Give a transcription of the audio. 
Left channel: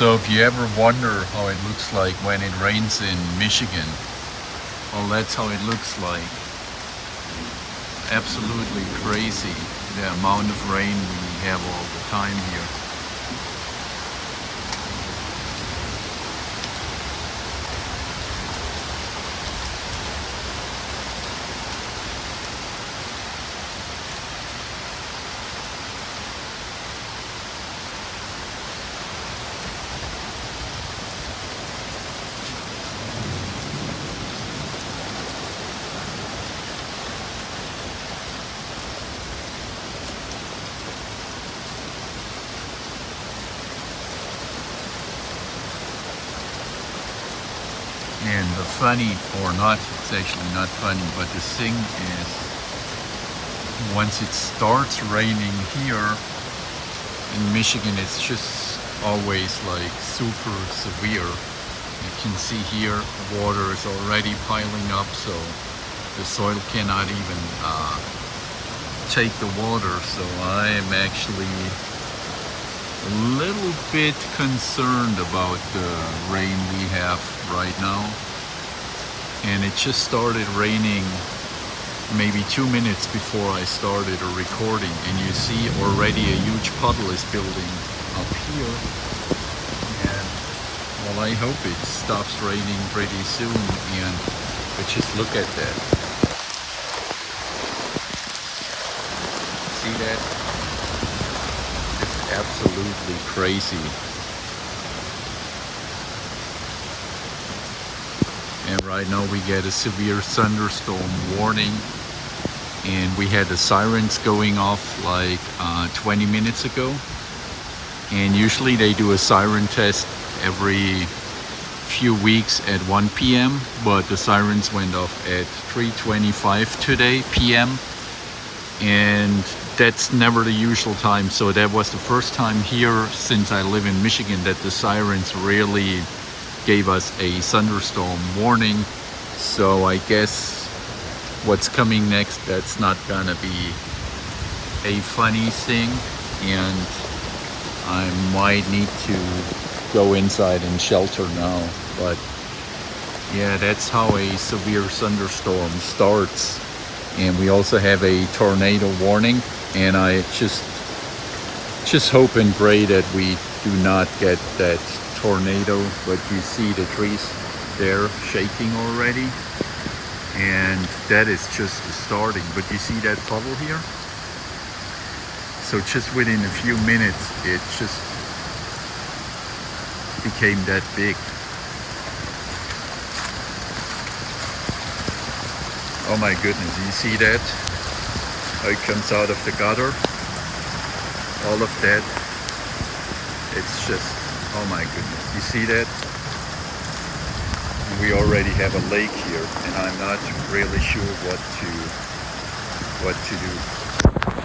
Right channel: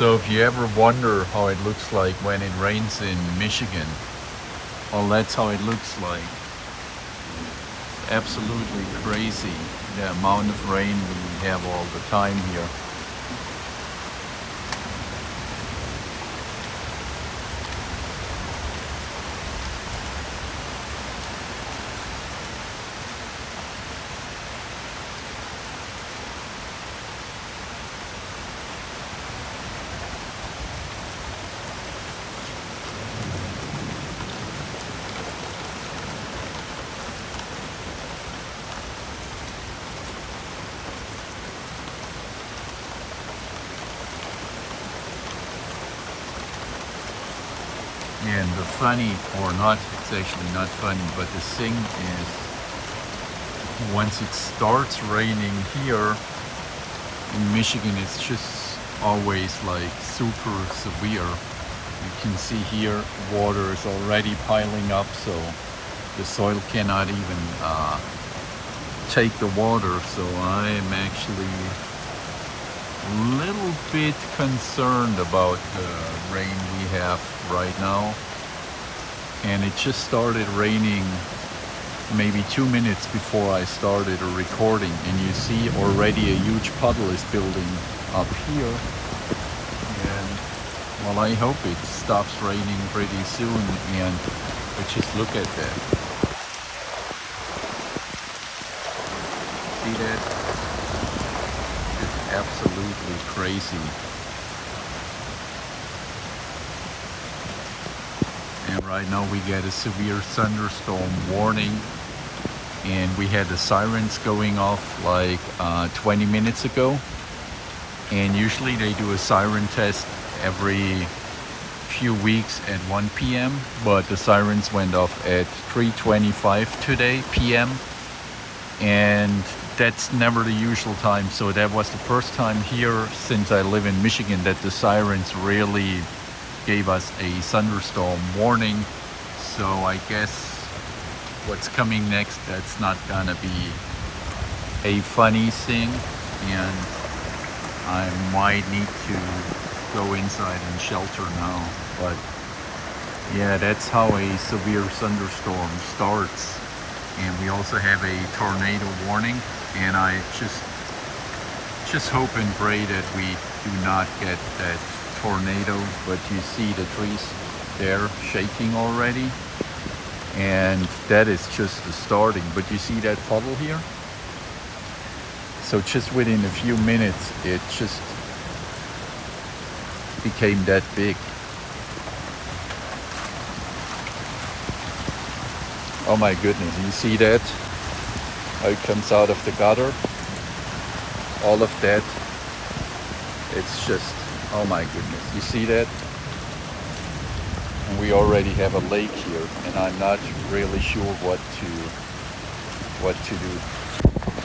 So if you ever wonder how it looks like when it rains in Michigan, well, that's how it looks like. Absolutely crazy, the amount of rain we have all the time here. And the funny, or not, it's actually not funny, but the thing is, once it starts raining here in Michigan, it's just always like super severe. You can see here, water is already piling up, so the soil cannot even take the water. So I am actually a little bit concerned about the rain we have right now. And it just started raining maybe 2 minutes before I started a recording, and you see already a huge puddle is building up here. And well, I hope it stops raining pretty soon. But just look at that. See that? Just absolutely crazy. And right now we get a severe thunderstorm warning, and we had the sirens going off like 20 minutes ago. And usually they do a siren test every few weeks at 1 p.m. but the sirens went off at 3:25 today p.m. and that's never the usual time. So that was the first time here since I live in Michigan that the sirens really gave us a thunderstorm warning. So I guess what's coming next, that's not gonna be a funny thing, and I might need to go inside and shelter now. But yeah, that's how a severe thunderstorm starts. And we also have a tornado warning, and I just hope and pray that we do not get that tornado. But you see the trees there shaking already, and that is just the starting. But you see that puddle here? So just within a few minutes it just became that big. Oh my goodness, you see that? How it comes out of the gutter? All of that. It's just, oh my goodness, you see that? And we already have a lake here, and I'm not really sure what to do.